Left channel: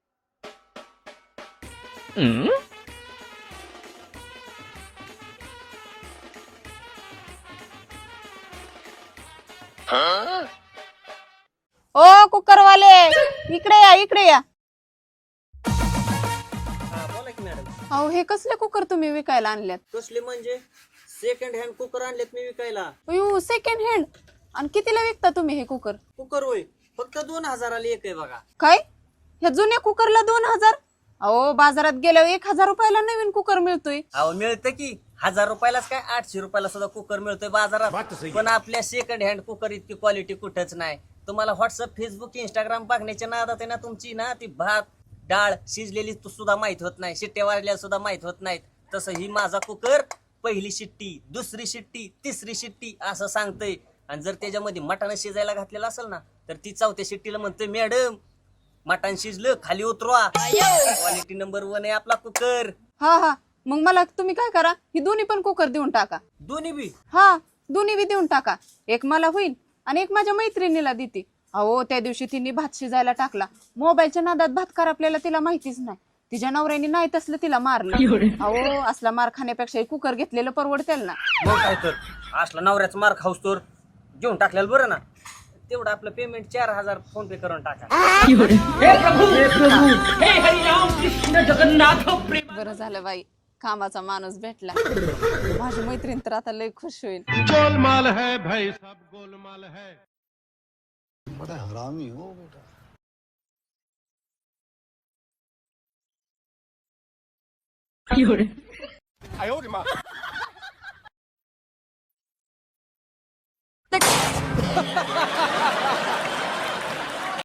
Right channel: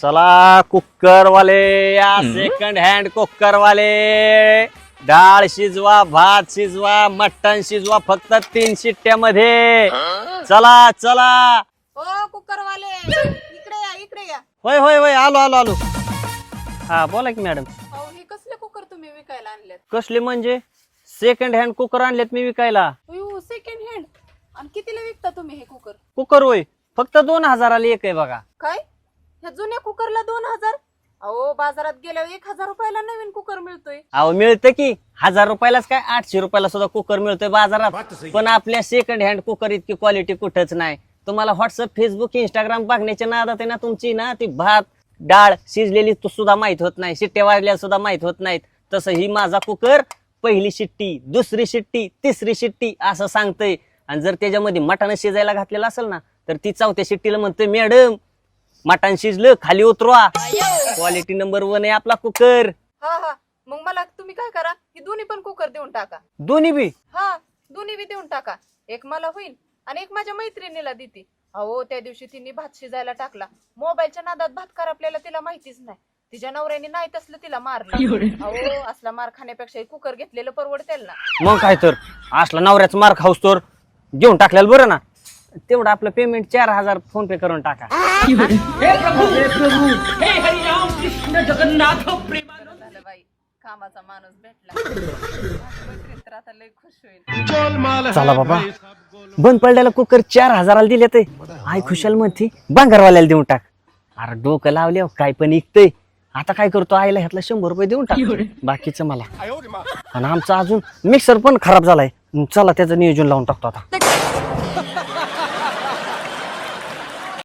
चला कुकर वाले या सेकंड हँड कुकर वाले डाळ शिजवा, भात शिजवा, मटण शिजवा फक्त 3 शिट्ट्यामध्ये. चला चला. ओ कुकरवाले इकडे या. होय होय होय आलो आलो आलो. हा बोला की मॅडम. अहो हे कसले कुकर तुम्ही विकायला आणल्यात? कसले म्हणजे? सेकंड हँड कुकर आणलेत मी विकायला. अयो सेकंड हँड. आणि कितीला विकता तुम्ही हे कुकर? कुकर होय फक्त 2000 एक आहे बघा. काय ह्या जुन्या कुकरला 2000? अहो बाजारात गेल्यावर 1000 रुपयाला नवीन कुकर मिळतोय. अहो मिळतं की 1000 रुपयालाच काय 800 रुपयाला सुद्धा कुकर मिळतोय बाजारात. पण आपल्या सेकंड हँड कुकर इतकी क्वालिटी कुठंच नाही. तुम्हाला व्हॉट्सअप फेसबुक इंस्टाग्राम बघण्याच्या नादात आहे ना तुमची ना ती भात डाळ शिजलेली सुद्धा माहित होत नाही, शिट्ट्या वाजल्या सुद्धा माहित होत नाहीत. तसं ही माझा कुकर पहिली शिट्टी, दुसरी शिट्टी, तिसरी शिट्टी असं सांगतय. आणि जर त्याच्यामध्ये मटण शिजायला घातलेलं असेल ना तर ती 4थ्या शिट्टीला म्हणतोय मॅडम मटण शिजलं खाली उतरवा. क्वालिटी नंबर 1 आहे आपला कुकर. हा मग मला तुम्ही काय करा, ही दोन्ही पण कुकर देऊन टाका. दोन्ही बी? हा दोन्ही बी देऊन टाका. एक मला होईल आणि एक माझ्या मैत्रिणीला देते. अहो त्या दिवशी तिने भात शिजायला टाकला, मोबाईलच्या नादात भात कर आपल्याला तिला माहितीच नाही. तिच्या नवऱ्याने नाही तसलं तिला मारलं. अहो असला मार खाण्यापेक्षा कुकर घेतलेलं परवडतेल ना. मग काय तर असला नवऱ्याच मार खाऊस तर घेऊन टाकलेलं बरं ना. तेवढं आपलं पेमेंट 4000 फोन पे करून टाका. बरं झालं बाई कामाचा माणूस भेटला. माझी मैत्रीण तर आता लय खुश होईल. चला बाबा बंद पडलेला कुकर 4000 दिले ते आई खुशाल म्हणते बांगरवाल्याला देऊन टाक. अरे डोकं लावले काय पण इकतय. आता काय करतो आईला ह्यातला 100 रुपये देऊन टाक बाकीचं मला. आणि आमचा अजून मिक्सर पण खराब झालाय. चला त्याचं नियोजन लावून टाकतो आता.